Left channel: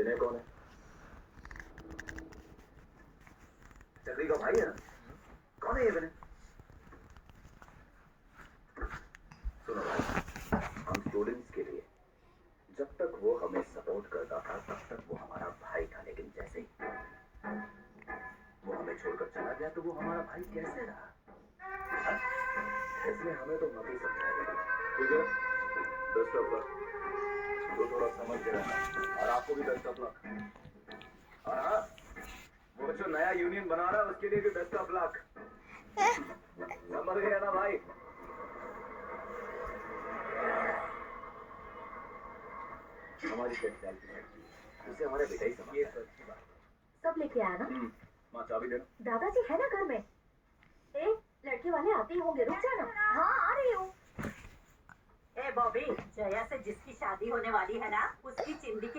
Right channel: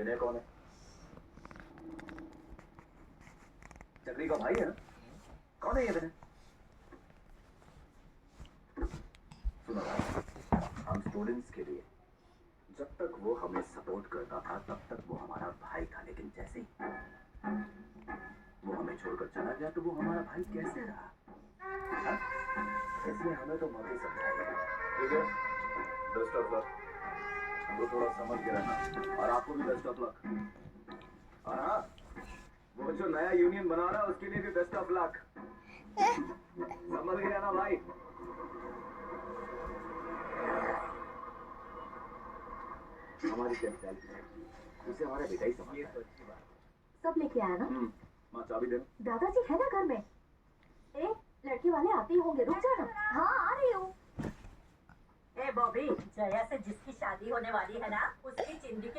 विनय कौन है? चक्री का भाई है ना? कौन है ये विनय? सुनो भाई, हम स्टूडेंट्स के लिए जब तक वो हमें सपोर्ट करता था तब तक वो हमारा भाई था, लेकिन जैसे ही वो हमें छोड़कर चला गया तो वो हमारा भाई कैसे रहा? हाँ? इसलिए हमें तो मत ही समझाइए। ठीक है, बेस्ट ऑफ लक। तो थोड़ा समझ के रहना, और आपको भी बेस्ट ऑफ लक। और हाँ, वो जो नया यूनियन बना रहा है उसके लिए भी बेस्ट ऑफ लक। समझ गया ना भाई? हमारी टेंथ उसे हमारे बेटा ही समझता है। ये तो अच्छी बात है। सब लेके आया ना? माँ चाबी देना। दादाजी है ना घर में? ए, लड़के वाले आते ही होंगे, रुक जाना। हाँ आ रही हूँ। ए बॉबी, जया से जिसकी शादी होने वाली है ना, उसकी चिंदी की